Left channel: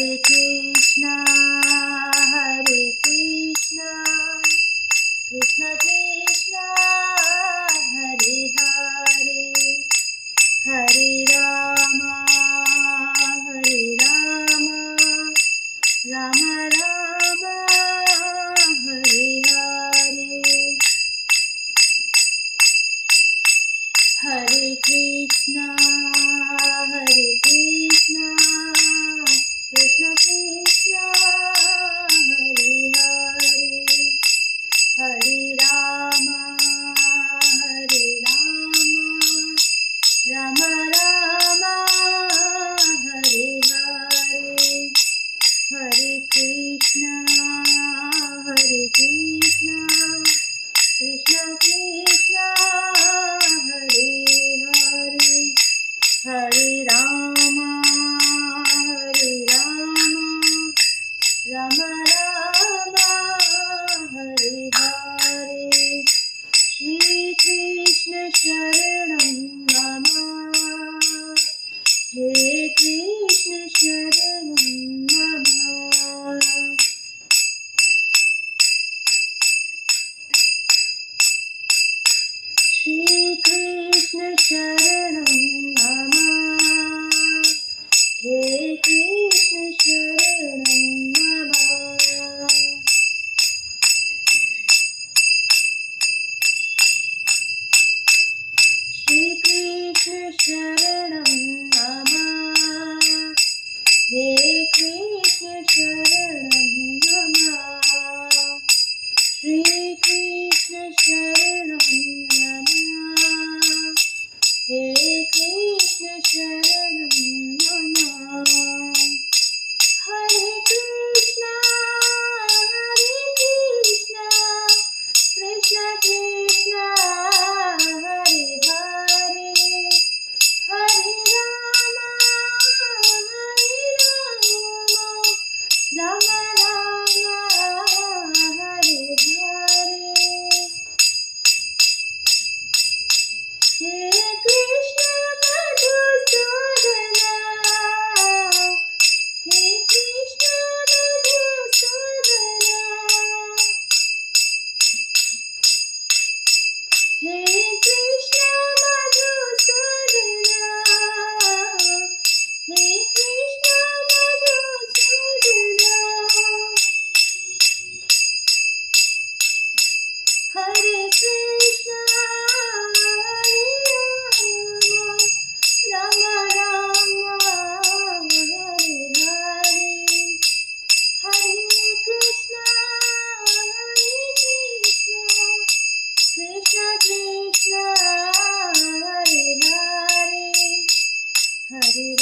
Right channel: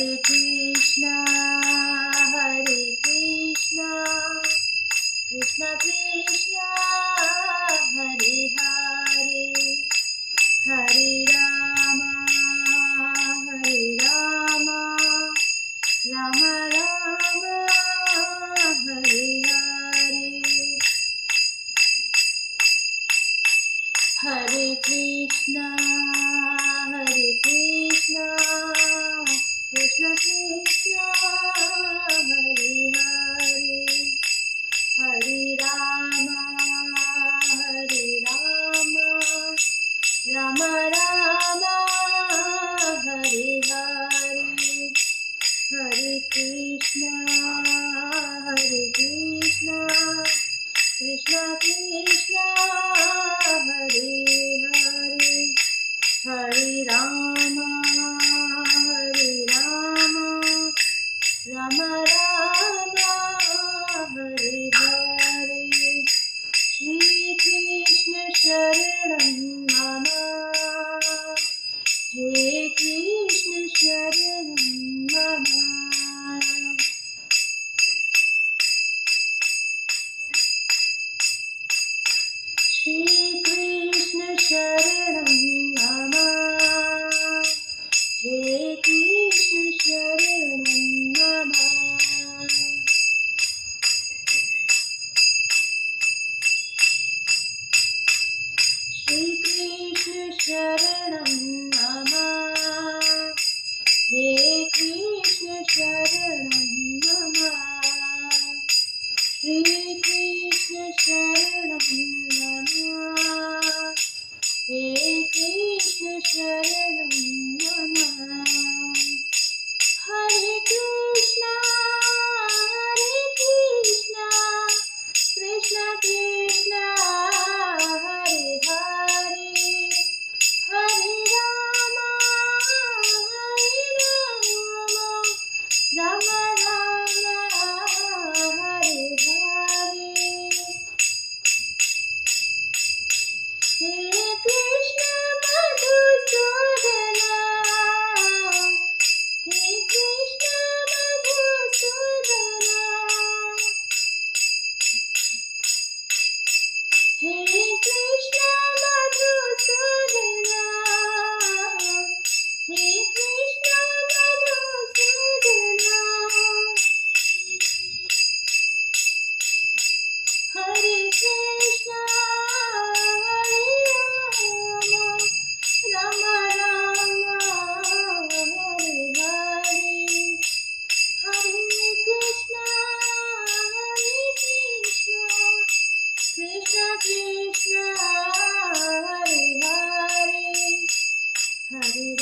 Hare Krishna, Krishna Krishna, Hare Hare, Hare Rama, Rama Rama, Hare Hare. Hare Krishna, Krishna Krishna, Hare Hare, Hare Rama, Rama Rama, Hare Hare. Hare Krishna, Krishna Krishna, Hare Hare, Hare Rama, Rama Rama, Hare Hare. Shri Krishna Sharanam Mama, He Krishna Sharanam Mama. Shri Krishna Sharanam Mama, He Krishna Sharanam Mama. Shri Krishna Sharanam Mama, He Krishna Sharanam Mama. Shri Krishna Sharanam Mama, He Krishna Sharanam Mama. Hare Krishna, Krishna Krishna, Hare Hare, Hare Rama, Rama Rama, Hare Hare. Hare Krishna Madhusudana, Hare Krishna Madhusudana, Hare Krishna Madhusudana, Hare Krishna Madhusudana. Hare Krishna, Rama Rama, Hare Hare, Hare Krishna, Krishna Krishna, Hare Hare, Hare